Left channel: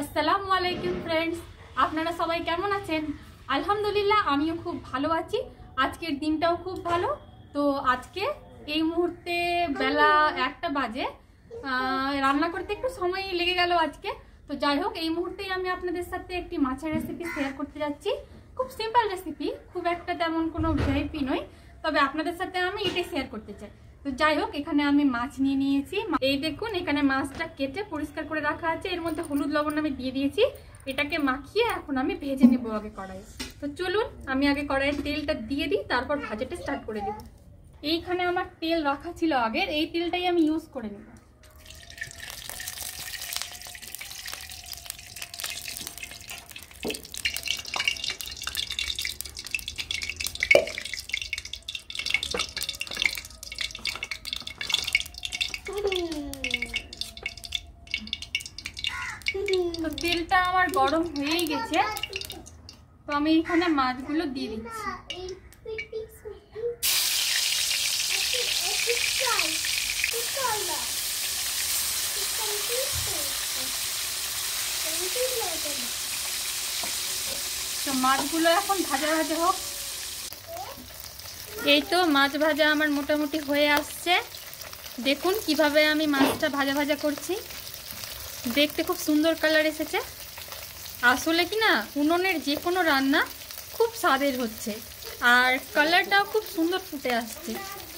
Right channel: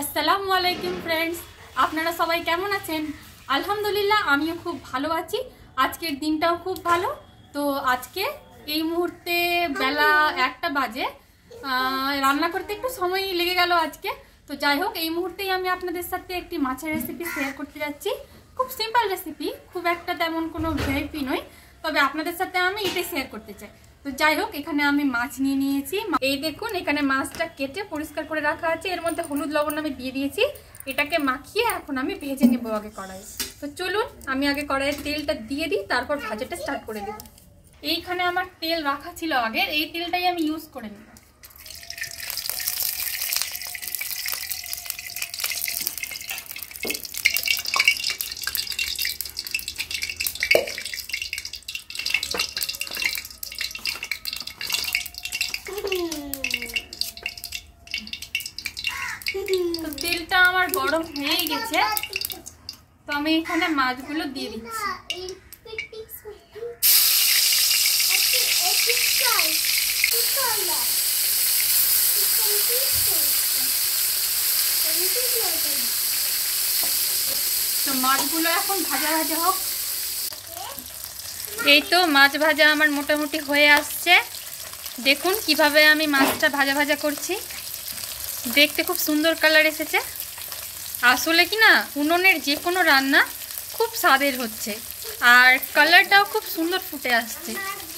আসসালামু আলাইকুম ফ্রেন্ডস, আপনারা সবাই কেমন আছেন? আলহামদুলিল্লাহ আমিও খুব ভালো আছি। আজকের দিনটাও খুব ভালো। তো আজকে এই মুহূর্তে বেলা 1টা বাজে, রান্না করতে একটু সময় লেগে গেল আজকে। তো যাই হোক, এই মুহূর্তেই আমি আপনাদের সাথে একটি মাছের রেসিপি শেয়ার করতে যাচ্ছি। খুব সিম্পল রেসিপি, খুব একটা তেমন কোনো ভিআইপি নয়, তবে আপনাদের সাথে আমি এটাই শেয়ার করতে চাই। তো যাই হোক, এখানে আমি মাছ নিয়ে নিয়েছি। এই দেখুন, এখানে মাছটা কেটে পরিষ্কার করে রাখা আছে। এর মধ্যে হলুদ লবণ আমি দিয়ে দিয়েছি। এটাকে মাখিয়ে এখন আমি ভেজে নেব আগে কড়াই। তো চলুন আমি আগে কড়াইয়ের তেলটা দিয়ে দিই, তারপর ভাজাটা স্টার্ট করে দেব। এইখানে আমার তেল রাখা ছিল আগের, এই তেলটাই আমি ইউজ করে নেব। তো তেলটা আমার গরম হয়ে গেছে, তো আমি এখানে মাছগুলো দিয়ে দিচ্ছি। তো মাছগুলো এখন ভাজা ভাজা হোক। এই তো মাছ ভাজা আমার মোটামুটি হয়ে আসছে। দেখুন কিভাবে আমি মাছটা ভাজা ভাজা করছি, দেখতে খুব সুন্দর কালার এসেছে। আসলে কি না, উনুনের যে কোনো রান্না খুব স্বাদের হচ্ছে, আর কালারটাও খুব সুন্দর ফুটে আসছে।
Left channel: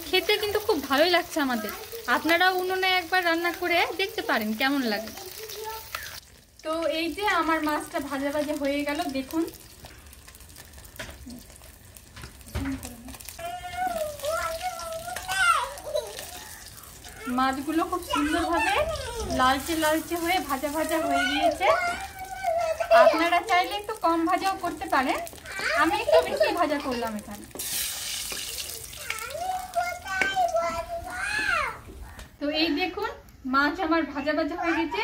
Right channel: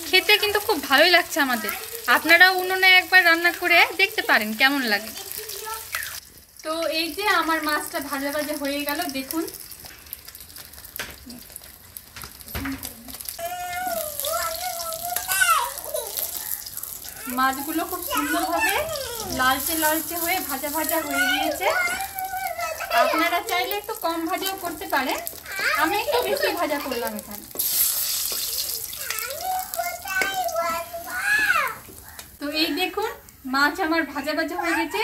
খেতে কিন্তু খুব ভালোই লাগছে আমাদের। আপনারাও উনুনে একবার রান্না করে দেখতে পারেন কেমন লাগে। তো এই যে আমার মাছটা ভাজা ভাজা হয়ে গেল, দেখুন। মাছগুলো খুব সুন্দরভাবে লালচে লালচে হয়ে ভাজা ভাজা হয়ে গিয়েছে। আপনারা চাইলে একটু কম ভাজাও করতে পারেন, আমি একটু বেশি ভাজা করলাম এখানে। তো এই দেখুন, মাছ আমার ভাজা ভাজা হয়ে গেছে।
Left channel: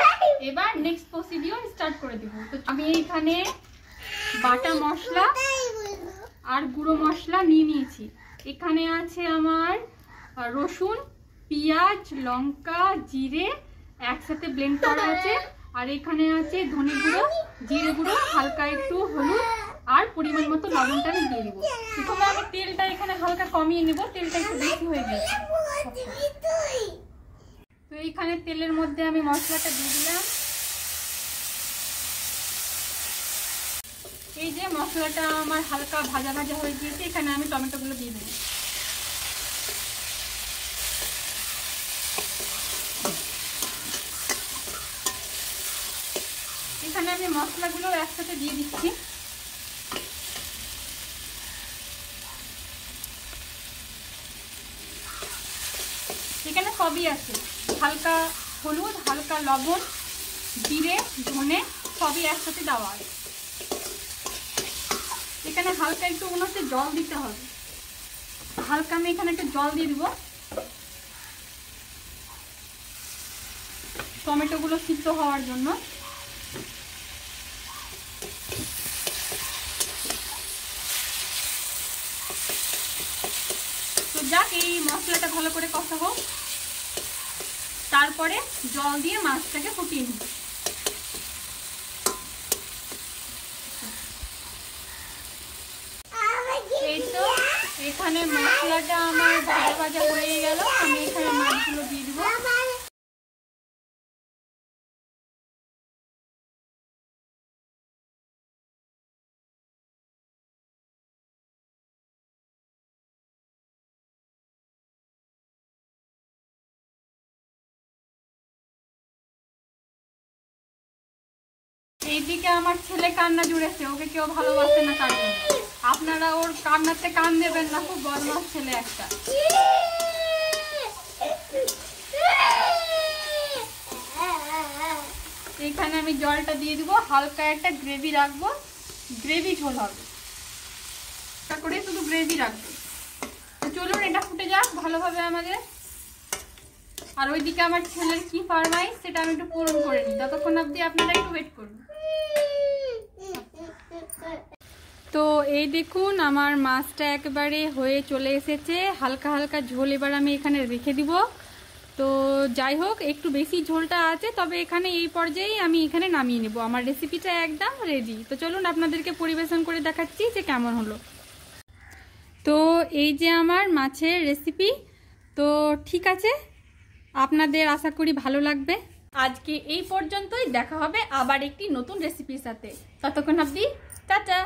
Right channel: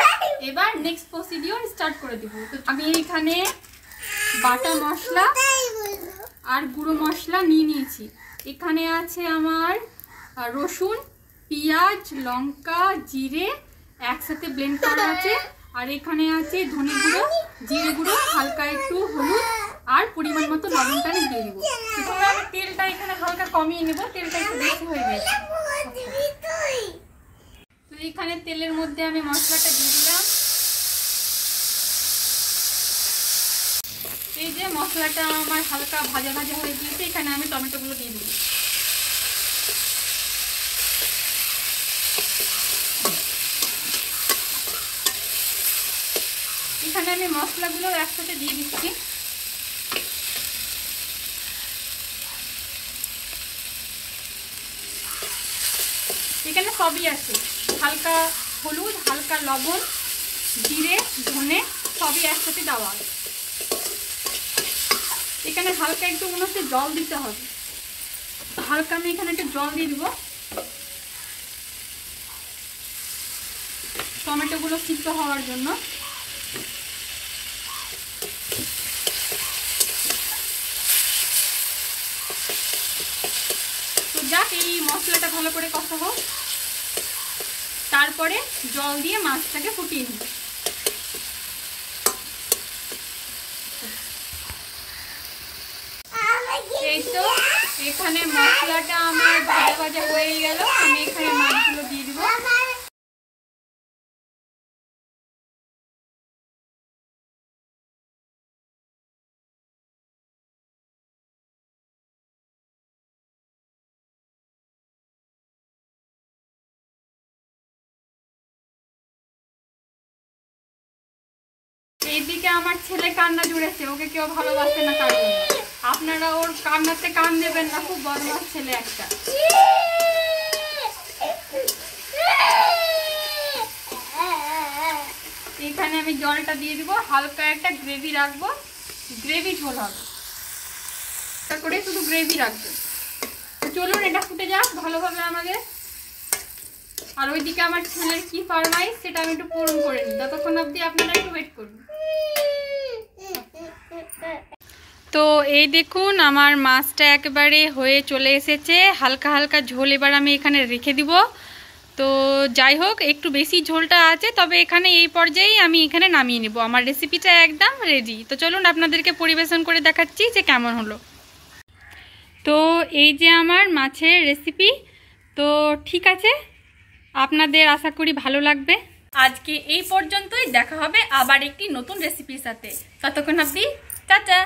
এবার নেক্সট প্রসিডিওর স্টার্ট করে দেব। তো আমি এখানে বাটা মশলা আর গুঁড়ো মশলা নিয়ে নিয়েছি। এখানে আছে আমার রসুন, পেঁয়াজ, লঙ্কা, জিরে একসাথে ব্লেন্ড করা আছে। আর এখানে আছে ধনে গুঁড়ো, জিরে গুঁড়ো, হালকা একটু হলুদ আর পরিমাণ মতো লবণটা আমি দিয়ে দেবো। প্রথমে আমি তেলটা এখানে হালকা কমিয়ে নেব, তেলটা একটু বেশি হয়ে গেছে। তো এইখানে তেলের মধ্যে আমি মশলাটা দিয়ে দিলাম। এই যে মশলাটা আমার হালকা ভাজা ভাজা হয়ে গিয়েছে, এখানে আমি টমেটোগুলো দিয়ে দিই। এখানে আমি মশলাগুলো একসাথে দিয়ে দিচ্ছি। এখানে সবই আছে, হালকা হলুদ, হালকা লবণ, জিরে, ধনে সবই একসাথে দেওয়া আছে। এখানে হালকা একটু মনে হচ্ছে জল দিতে হবে, হালকা আমি এখানে একটু জল দিয়ে দেবো টমেটোগুলো সিদ্ধ হওয়ার জন্য। তো যাক, এই মশলাটা ভালো করে কষা হোক, তারপরে জল দিয়ে মাছটাকে ফুটিয়ে নিই। এই তো এখানে মশলাটা আমার ভাজা ভাজা হয়ে গেল, আমি এখানে মাছগুলো দিয়ে দিব। এইদিকে আমার ছেলে কান্না জুড়েছে, ওকে কেউ ভালোবাসে না তার জন্য। আপনারা ওর কান্নাতে কান দেবেন না, খুব বদমাশ ছেলে একটা। এখানে আমি জলটা দিয়ে দিব, হালকা একটা গ্রেভি রাখবো, গ্রেভি ঝোল হবে, তা করে শুধু গ্রেভি রাখবো। চলুন এটা ফুটে যাক ভালোভাবে আমাদের। আর ওইদিকে আমার ছেলের কি ফরমাইশ সেটা আমি একটু পূরণ করে নিই, ততক্ষণ অবধি আপনারা একটু ওয়েট করুন। তো এই দেখুন, আমার মাছটা একেবারে হয়ে চলে এসেছে, হালকা হালকা ঝোল। এবার আমি এখানে রেখে দিব। তো যাই হোক, একটু বেশি ঝোলটা আছে, তবে এখানে এই পর্যায়েই আমি এখানে নামিয়ে নেব। আমার রেসিপিটা একদম রেডি। তো চলুন আপনাদেরকে পরিবেশন করে দেখাচ্ছি যে কেমন হলো। তো এই যে আমার মাছের রেসিপি। তো ঠিক আছে, আপনাদের আশা করি ভালো লাগবে। আজকে এই পর্যন্তই, দেখা হবে আবার একটি নতুন রেসিপির সাথে। ততক্ষণ অবধি টাটা।